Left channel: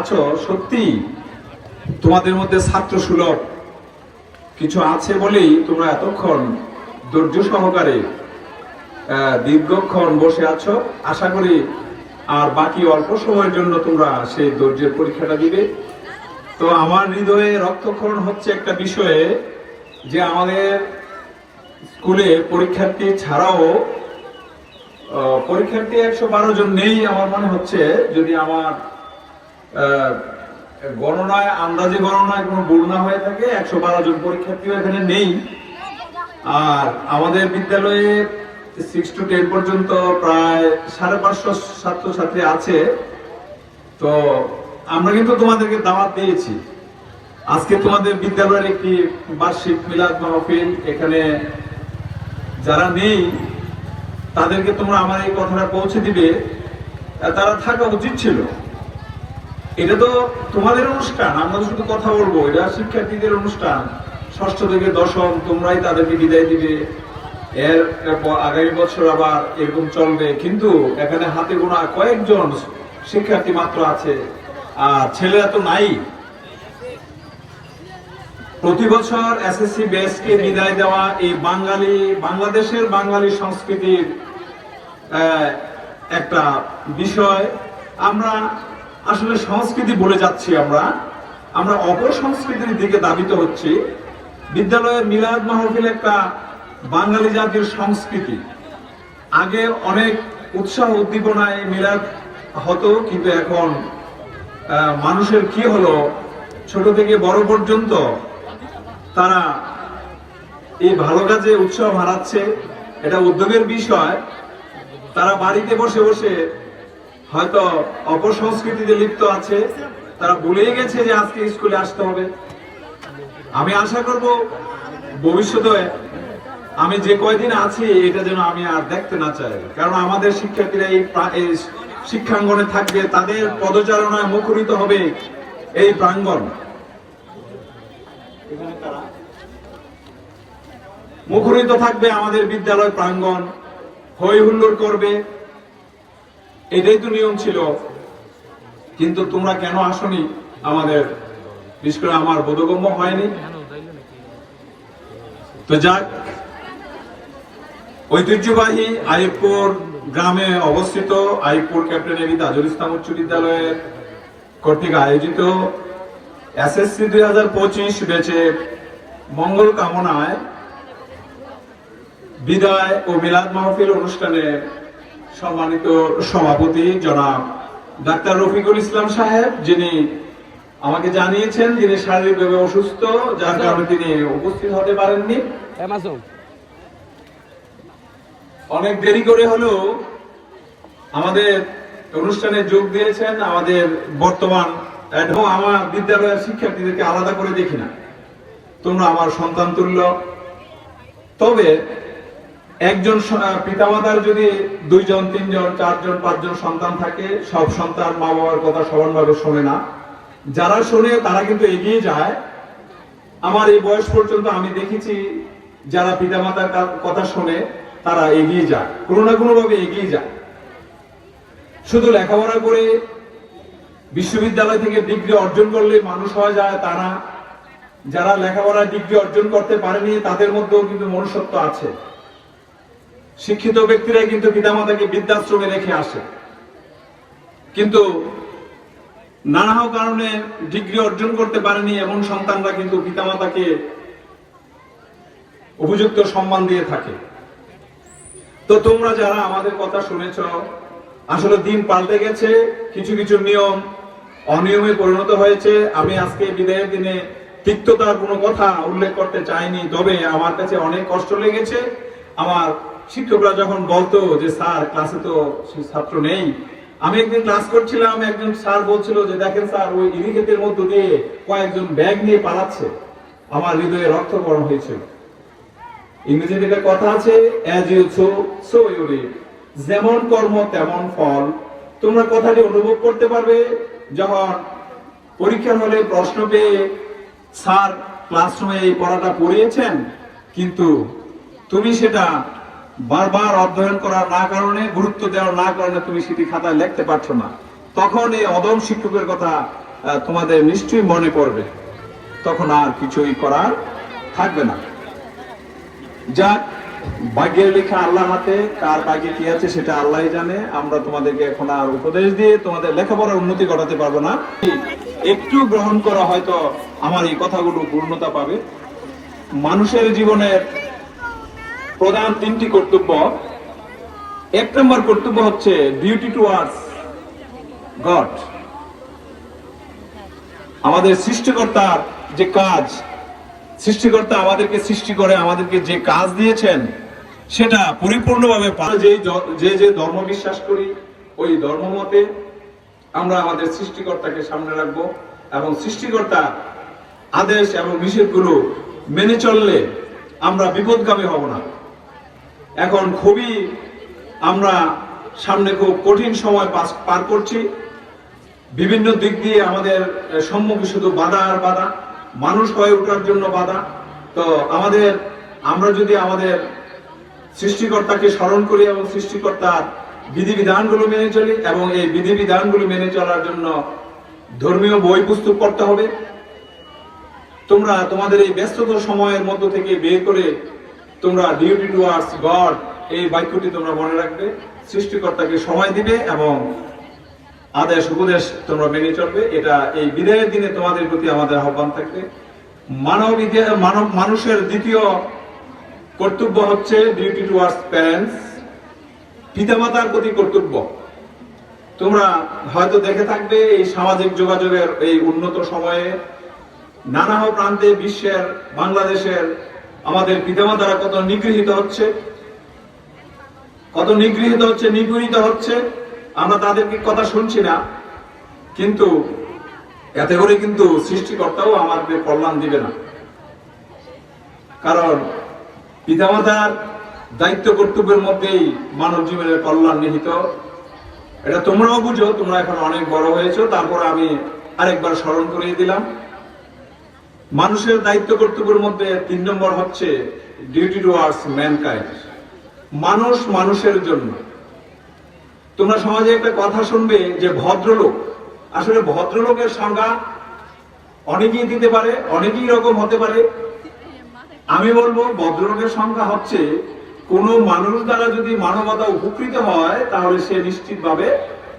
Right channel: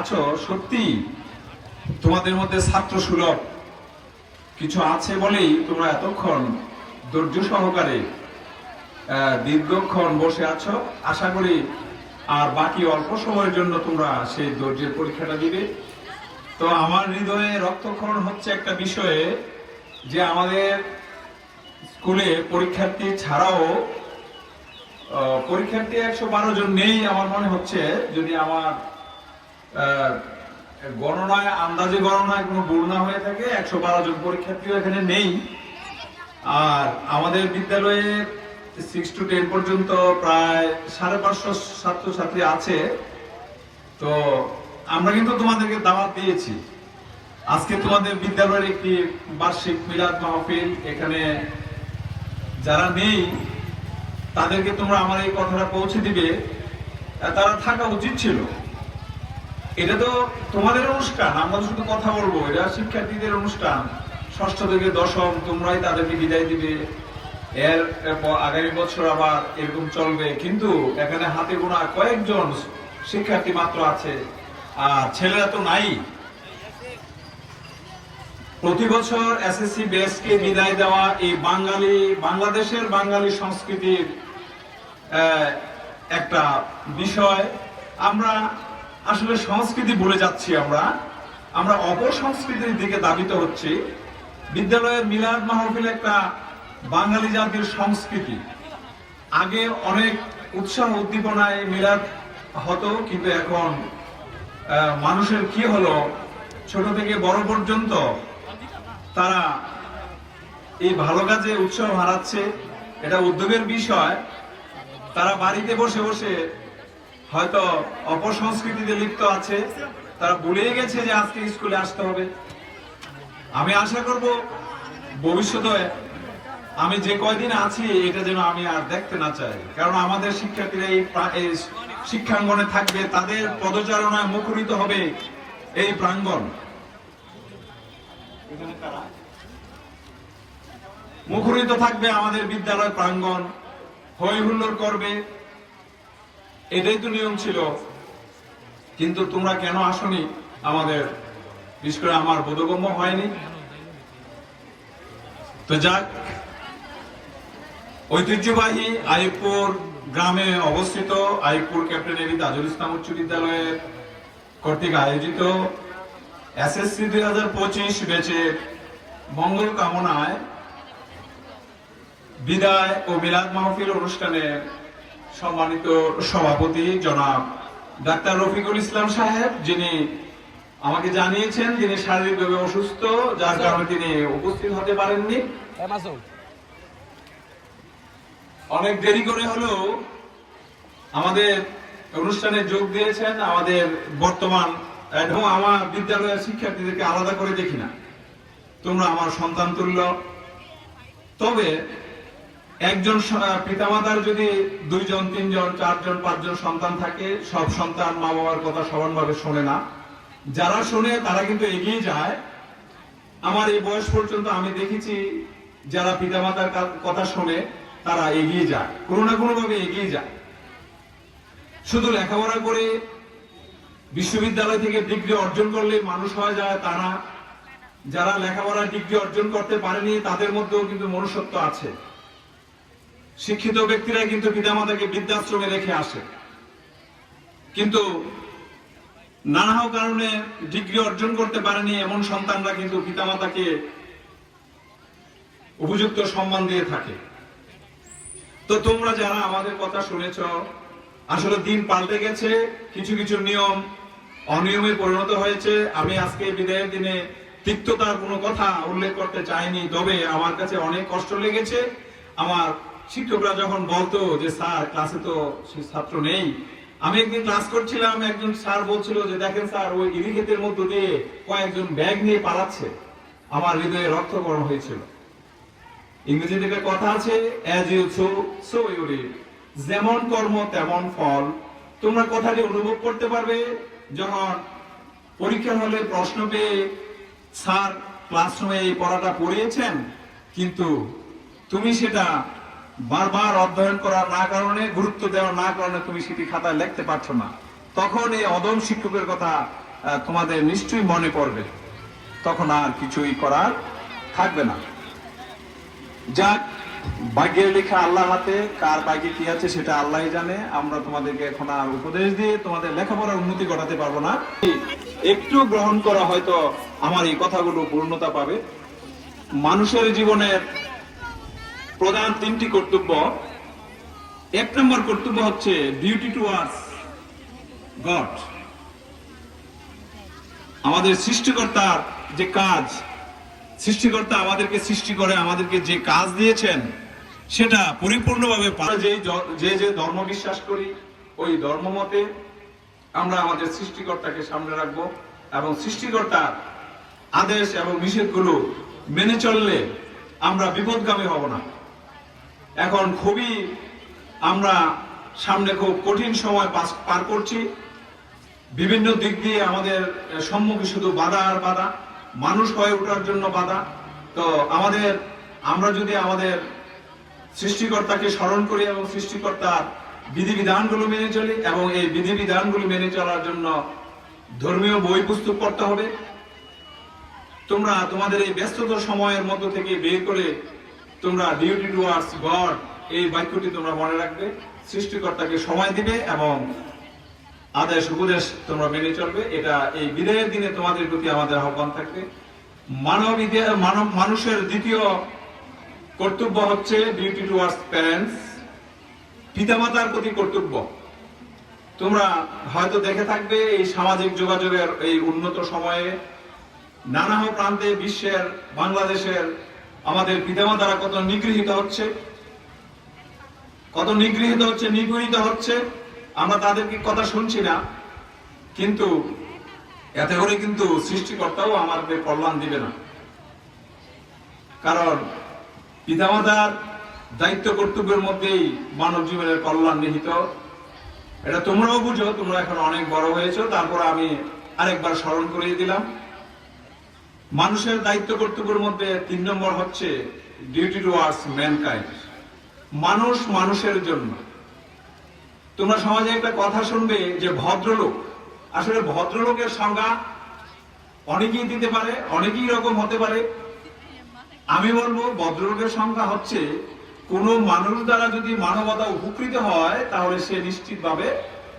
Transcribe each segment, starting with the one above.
আছো, সত্যি তোমাদের মধ্যে ছাত্র সুলভ কিছু আছে বলেই তোমরা এতক্ষণ ধৈর্য সহকারে দীর্ঘক্ষণ বসে আছো। আশা করি আর বাকি অল্প সময়ের জন্য তোমরা সেই ধৈর্যের পরীক্ষাটা দিবে। তো আমার হৃদয়ে রক্তক্ষরণ হচ্ছে একটা বিষয়ে, যে আমাদের স্কুলে পরীক্ষার্থী ছাড়াও পরীক্ষার্থী 112 জন নেই আমার মনে হচ্ছে, যদি আমার গণনায় আন্দাজে গণনায় কোনো ভুল না হয়ে থাকে। 112 জন পরীক্ষার্থী এখানে নেই। আর আমাদের বিদ্যালয়ে 6 to 10 পর্যন্ত প্রায় 550 ছাত্রছাত্রী আছে। তো আমরা কিন্তু তোমাদেরকে দাওয়াত দিয়েছি, আজকে তোমাদের বিদ্যালয়ের একটি বার্ষিক মিলাদ মাহফিল। এখানে যারা নেই তাদেরকে তোমরা আমার এই কথাটা পৌঁছে দিবে, তারা থাকা উচিত ছিল। এটা তো তোমাদের অনুষ্ঠান, আমরা শুধু কথা বলবো। এটা শিক্ষার্থীদের অনুষ্ঠান, 6ষ্ঠ থেকে 10ম, তোমরাই তাদেরকে বিদায় দিবে। এর আগামী বছর আবার এরকম চলবে। কিন্তু এখানে হাতে গোনা কয়েকজন শিক্ষার্থী মাত্র আছে, আর ছেলেরা তো নাই। প্রতি বছর এসএসসি ব্যাচকে বিদায় দেওয়া এই বাংলাদেশের বাঙালি সংস্কৃতির একটা বিষয়। আমরা আসলে সংস্কৃতি বলে যাচ্ছি, আমরা অপসংস্কৃতির দিকে ধাবিত হচ্ছি। বিদ্যালয়ের মিলাদ মাহফিল একটা বাঙালি জাতির সংস্কৃতি। আগে অনেক উৎসাহ উদ্দীপনায় মিলাদ হতো, কিন্তু এখন মানুষের কি হলো, ছোট থেকে বড় পর্যন্ত তারা এই ভালো কাজে উৎসাহ হারাচ্ছে। এটা উদ্যোগের বিষয়। তারা বাড়িতে বসে বসে হয়তো অপসংস্কৃতিতে লিপ্ত আছে, তারা ভুলেই গেছে যে আজকে স্কুলে আসতে হবে। আমি আশা করব ভবিষ্যতে আমি যে কয়দিন আছি এটা যেন আমি আর দেখতে না চাই, কারণ আমাদের শিক্ষার্থীরা এই শিক্ষাঙ্গনে থাকবে, তাদের পদচারণায় মুখরিত হবে এই প্রাঙ্গণ। মুখরিত থাকবে আমাদের বিদ্যালয় প্রাঙ্গণ, হই হুল্লোড় করবে, এটাই তো নিয়ম ছিল। কিন্তু তোমরা কেন আসনি আমাদের, বিশেষ করে আমার বোধগম্য হয়নি। তো যাক, ঐতিহ্যবাহী আইয়ুবপুর গ্রামে অবস্থিত আইয়ুবপুর ক্যাপ্টেন এবি তাজুল ইসলাম উচ্চ বিদ্যালয়ের কর্তৃক আয়োজিত এসএসসি 2025 ব্যাচের মঙ্গল কামনায় বিদায় ও মিলাদ মাহফিল অনুষ্ঠানের সম্মানিত সভাপতি জনাব ডাক্তার রফিকুল ইসলাম সাহেব, যিনি আমাকে জানিয়েছেন যিনি শারীরিকভাবে অসুস্থ, যার কারণে তিনি উপস্থিত হতে পারেননি। অনেক দেরি করে হলেও আমাদের অনুষ্ঠানে যোগ দিয়েছেন। আমাদের বর্তমান এবং আমার বিদ্যালয়ের শিক্ষার্থীদেরকে আলাদা করে দেখি না, তোমরা আমার সন্তান তুল্য। তবে একজন পিতামাতার যদি 2 জন 3 জন 4 জন 5 জন সন্তান থাকে, সব সন্তান মা বাবার কথা সমানভাবে শোনে না। যারা শোনে তারা কিন্তু এগিয়ে যায়। আমার এই বয়স পর্যন্ত আমি দেখেছি যারা পিতামাতার কথা শোনে তারা এগিয়ে যায়, কোনো না কোনো ভাবে এগিয়ে যায়। শুধু লেখাপড়া করে বিশ্ববিদ্যালয় থেকে ডিগ্রি অর্জন করলে মানুষ হয়ে যায় তা না। যারা লেখাপড়ার ডিগ্রি অর্জন করতে পারেনি তাদের মধ্যেও কিন্তু মনুষ্যত্ব আছে। শিক্ষিত ব্যক্তিরা কিন্তু পিতামাতাকে বৃদ্ধাশ্রমে রেখে আসে, কিন্তু নানা কারণে ডিগ্রি অর্জন করতে পারেনি এমন সন্তানরা কিন্তু পিতামাতাকে উপযুক্ত সম্মান দিয়ে থাকে। তো তোমরা যারা আমাদের কথা শুনেছ, আসলে দিন পাল্টে গেছে, কিছু কিছু নিয়ম অনিয়মে পরিণত হয়েছে। আমি আজকে বিদায়ের দিনে তিক্ততার কোনো কথা উল্লেখ করতে চাইনি, তবে আমার কাছে অনেক কষ্ট লেগেছে। আমার শিক্ষকরা যখন বলতো যে স্যার ক্লাসে তো সেই ছাত্র নেই। আমি একদিন ক্লাস করছিলাম, একজন স্যার বলছিল যে দেখেন স্যার ওই ইরিক্ষেতের মধ্য দিয়ে কয়েকজন ব্যাগ নিয়ে পালাচ্ছে। আমার হৃদয়ে রক্তকরণ হয়েছিল। ইংরেজিতে একটা কথা আছে, as you sow so you reap, যেমন কর্ম তেমন ফল। তোমরা কথাটি অনুভব করতে পারবে যখন পরীক্ষা হলে প্রশ্ন পেয়ে স্যার ক্লাসরুমে এই পড়াটা পড়িয়েছেন, কিন্তু তুমি সেটা বারবার অধ্যয়ন করার না কারণে, গুরুত্ব দেওয়ার না কারণে তুমি সেটি খাতায় লিখতে পারছো না। তখন এই অদম শিক্ষকের কথা তোমাদের নিশ্চয়ই মনে পড়বে, তখন আর কিছুই করার থাকবে না। যাক, ভাগ্যের লেখা আল্লাহ হাতে, কার ভাগ্যে কি আছে সেটা আল্লাহ জানে। আমরা তোমাদেরকে এখন আর উপদেশ দিয়ে তোমাদের লেখাপড়ার উন্নতি ঘটাতে পারবো না। একটু গ্রহণ করা হয়তো আমার এই কথাগুলো পূর্ণতা পাবে। মানুষের জীবনের প্রধান তিনটি কর্তব্য। এক নম্বর কর্তব্য হচ্ছে ডিউটি টুয়ার্ডস গড। আমাদের সৃষ্টিকর্তার যে কাজ, সৃষ্টিকর্তা আমাদেরকে সৃষ্টি করে আমাদেরকে যে কাজ দিয়েছেন সেটা পরিপূর্ণভাবে যে যে ধর্ম বিশ্বাস করি ওই ধর্ম মতে আমরা আমাদের সৃষ্টিকর্তাকে সামনে রাখবো এবং সৃষ্টিকর্তা আদেশ এবং নিষেধগুলো মেনে চললে আমরা বিপদগামী হব না। এখন খুবই আমরা সামনে খুব কঠিন সময় পার করছি। বিভিন্ন দিক দিয়ে আমাদের সম্মুখে শুধু বাধা আর বাধা, মানুষ হয়ে ওঠার জন্য বাধা। তো আমরা যদি আমাদের সৃষ্টিকর্তাকে স্মরণ করি এবং সৃষ্টিকর্তার বিধিবিধানগুলো মেনে চলি এবং এই বিধিবিধানগুলো মেনে চলার জন্য ধর্মীয় বই পুস্তক পড়তে হবে। তোমরা তোমাদের এই ব্যস্ততার সময়ের মধ্য থেকে বের করে তোমরা ডিউটি টুয়ার্ডস গড এই বাক্যটি তোমরা মনে রাখবে। সৃষ্টিকর্তাকে সময় দিবে এবং আদেশ উপদেশ তোমরা মেনে চলবে। এটা এই বিদায়ের দিনে তোমাদের প্রতি আমাদের আহ্বান থাকবে। মানুষের দ্বিতীয় কর্তব্য হচ্ছে ডিউটি টুয়ার্ডস প্যারেন্টস, পিতামাতার প্রতি কর্তব্য। তোমরা হয়তো দেখে থাকবে এই সামাজিক যোগাযোগের এই উন্নত সময়ে নানা প্রান্তে বিশ্বের, বাংলাদেশের আমাদের পিতামাতারা কত নিগৃহীত হচ্ছে, নিগৃহীত হচ্ছে। আমরা তাদেরকে কথা শুনছি না, কিন্তু এতে করে কিন্তু সৃষ্টিকর্তাও আমাদের কল্যাণ দিবে না। কারণ পিতামাতার দায়িত্ব কর্তব্যের মধ্যেই মানব জীবনের কল্যাণ নিহিত। এটা তোমরাও বুঝো, তোমরা এখন অনেক বড় হয়েছো, তারপর আমি আরেকবার স্মরণ করিয়ে দিলাম। মানুষের দায়িত্ব কর্তব্যের মধ্যে 3 নম্বর হচ্ছে ডিউটি টুয়ার্ডস ম্যানকাইন্ড, মানুষ মানুষের জন্য। তোমরা সমাজে একটা কথা শুনবে যে ভদ্রলোক। আসলে ভদ্রলোকের সংজ্ঞা অনেকেই দিতে পারে, অনেকেই রকম হতে পারে। আমি বলবো ভদ্রলোকের সংজ্ঞা হচ্ছে কোন মানুষ দ্বারা যদি মানবতা উপকৃত হয় তাহলে সে নিশ্চিতভাবে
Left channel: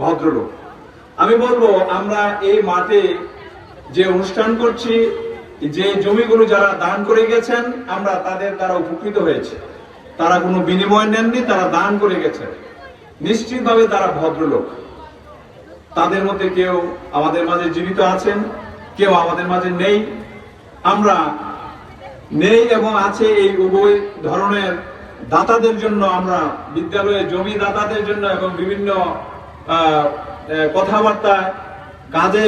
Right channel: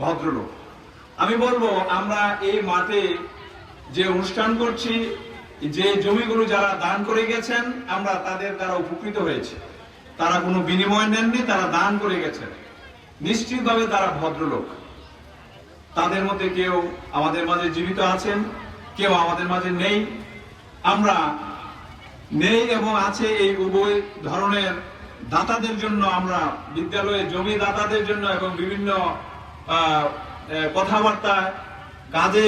ভদ্রলোক। আমি বলবো আমরা এই মাঠে যে অনুষ্ঠান করছি, যে জমিগুলো যারা দান করে গেছেন, আমরা তাদের দ্বারা উপকৃত হয়েছে। তারা কোনো বিনিময় নেননি, তারা দান করে গেছেন, নিশ্চিতভাবে তারা ভদ্রলোক। তাদের মধ্যে কেউ আমাদের মাঝে জীবিত আছেন, কেউ আমাদের মাঝে নেই। আমরা নেই এবং আছে এই উভয় ধরনের দাতাদের জন্য, আমরা বিদ্যালয়ে জমি দাতাদের জন্য এবং বিভিন্ন কথাবার্তা কাজে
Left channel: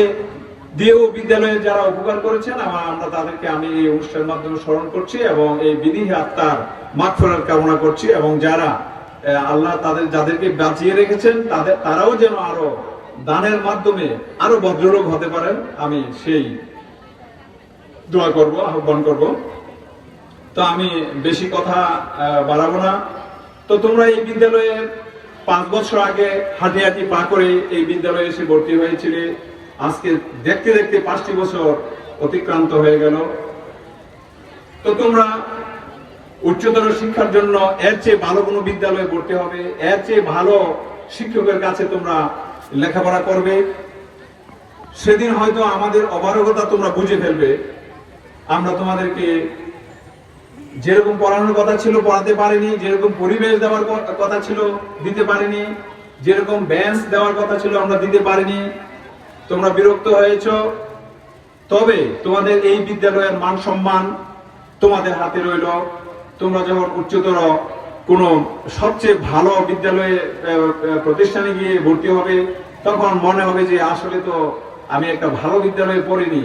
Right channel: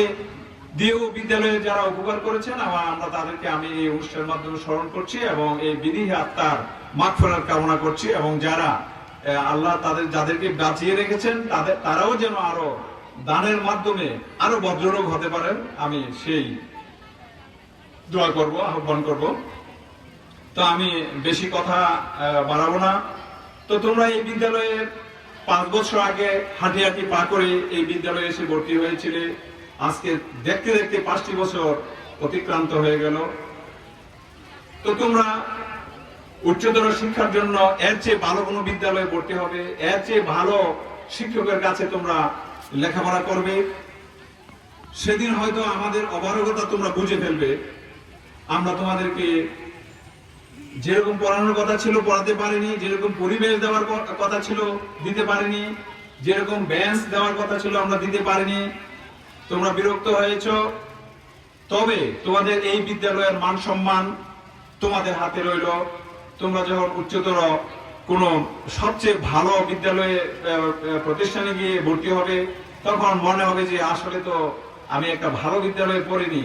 দিয়েও বিদ্যালয়ে যারা উপকার করেছেন আমরা তাদেরকে আমি এই অনুষ্ঠানের মাধ্যমে স্মরণ করছি এবং এই বিধি আত্মার মাগফিরাত কামনা করছি। এবং যারা আল্লাহ যাদেরকে বাঁচিয়ে রেখেছেন তারাও যেন আরো দানের মাধ্যমে আরো ভদ্রলোক হতে পারেন, আমি সেই দোয়া করব, আহ্বান করব। তো আমি বেশি কথা বাড়াবো না। তো তোমরা এই বিদ্যালয়ে 5 বছর আগে হাঁটি পা করে এই বিদ্যালয়ে এসে ভর্তি হয়েছিলে। আজকে দেখতে দেখতে 5টি বছর অতিক্রান্ত হয়ে গেল। তো তোমরা উচ্চতর শিক্ষার জন্য এর চেয়ে ভালো কোনো বিদ্যালয়ে ভর্তি হবে, এর চেয়ে ভালো শিক্ষকের কাছে তোমরা লেখাপড়া করবে। সেদিন হয়তো আমাদের অপারগতা তোমরা বুঝে ফেলবে। আমরা তোমাদেরকে যেরকম পড়ানোর কথা ছিল পড়াতে পারিনি, যেরকম পরিবেশ দেওয়ার কথা ছিল দিতে পারিনি, যেরকম বেঞ্চ দেওয়ার কথা ছিল আমরা দিতে পারিনি। তোমরা বিরক্ত হয়েছ। তবে তোমাদের এই বিদ্যালয়ের মান সম্মান তোমাদের হাতে রইল। তোমরা যখন উচ্চতর কোনো সবচেয়ে ভালো বিদ্যালয়ে প্রতিষ্ঠানে গিয়ে ভর্তি হবে, তখন মনে হবে যে আসলে তো আমি একটা ভালো বিদ্যালয়ে পড়িনি।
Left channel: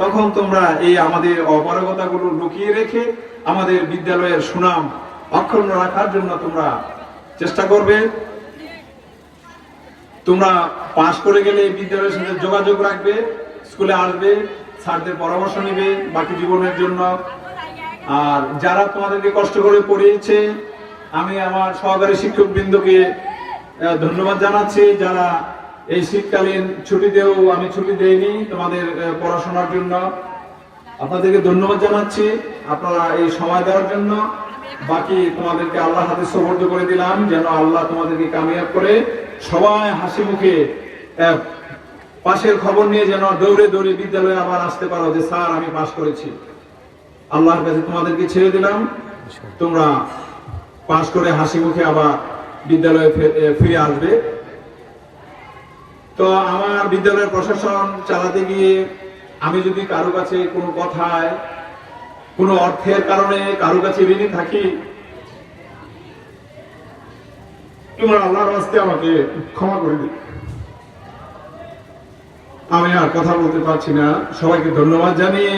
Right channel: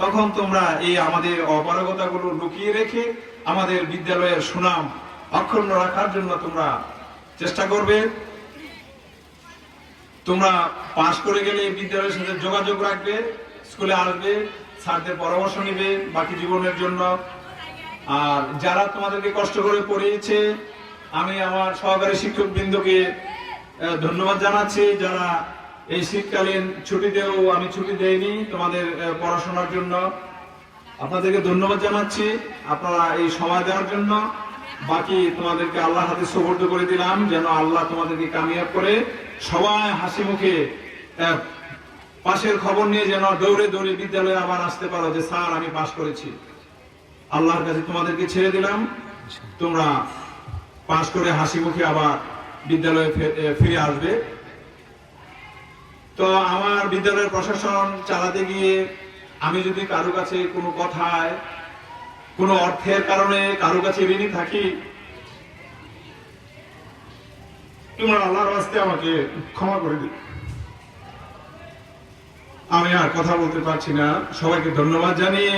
তখন তোমরা এই আমাদের অপারগতাগুলো লুকিয়ে রেখে আমাদের বিদ্যালয়ের সুনাম অক্ষুণ্ণ রাখার জন্য তোমরা চেষ্টা করবে। তোমরা পাশ করে গেলে এই বিদ্যালয়ের সাথে যোগাযোগ রাখবে, স্কুলে আসবে, স্যারদের পরামর্শ নেবে বাকি জীবনের জন্য। আর যারা তোমাদেরকে কষ্ট করে পড়িয়েছে, আমি আমার সহকারী শিক্ষকবৃন্দকে ধন্যবাদ জানাচ্ছি। যারা এই শীতকালীন ছুটিতেও আমি ছুটি দেইনি তোমাদের পড়াশোনার জন্য। আপনাদেরকে ধন্যবাদ জানাচ্ছি আপনারা এই সময় দেওয়ার জন্য। বাকি তোমাদেরকে আল্লাহ হাতে সুপর্দ করে দিলাম, যেন আল্লাহ তোমাদেরকে কামিয়াব করে সবাই হাসি মুখে পাশের খবর নিয়ে যেন দৌড়ে দৌড়ে বিদ্যালয়ে আবার আসতে পারো যে স্যার আমি পাস করেছি। আল্লাহর কাছে তোমাদেরকে ছেড়ে দিলাম, তোমরা পাস করে হাসি মুখে আবার বিদ্যালয়ে ফিরে আসবে। তো আমার বিদ্যালয়ের প্রশাসন চালাতে গিয়ে আমি যদি কারো কাছে কোনো কথায় কোনো অর্থের কারণে কারো কাছে ঋণী থাকি, তোমরা আল্লাহর রাস্তে আমাকে ক্ষমা করে দিবে। আমি আর কথা বলতে পারছি না। সবাইকে ধন্যবাদ জানিয়ে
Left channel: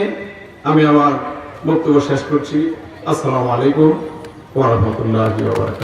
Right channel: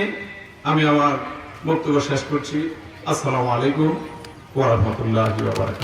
আমি আমার বক্তব্য শেষ করছি। আসসালামু আলাইকুম ওয়া রাহমাতুল্লাহি ওয়া বারাকাতুহু।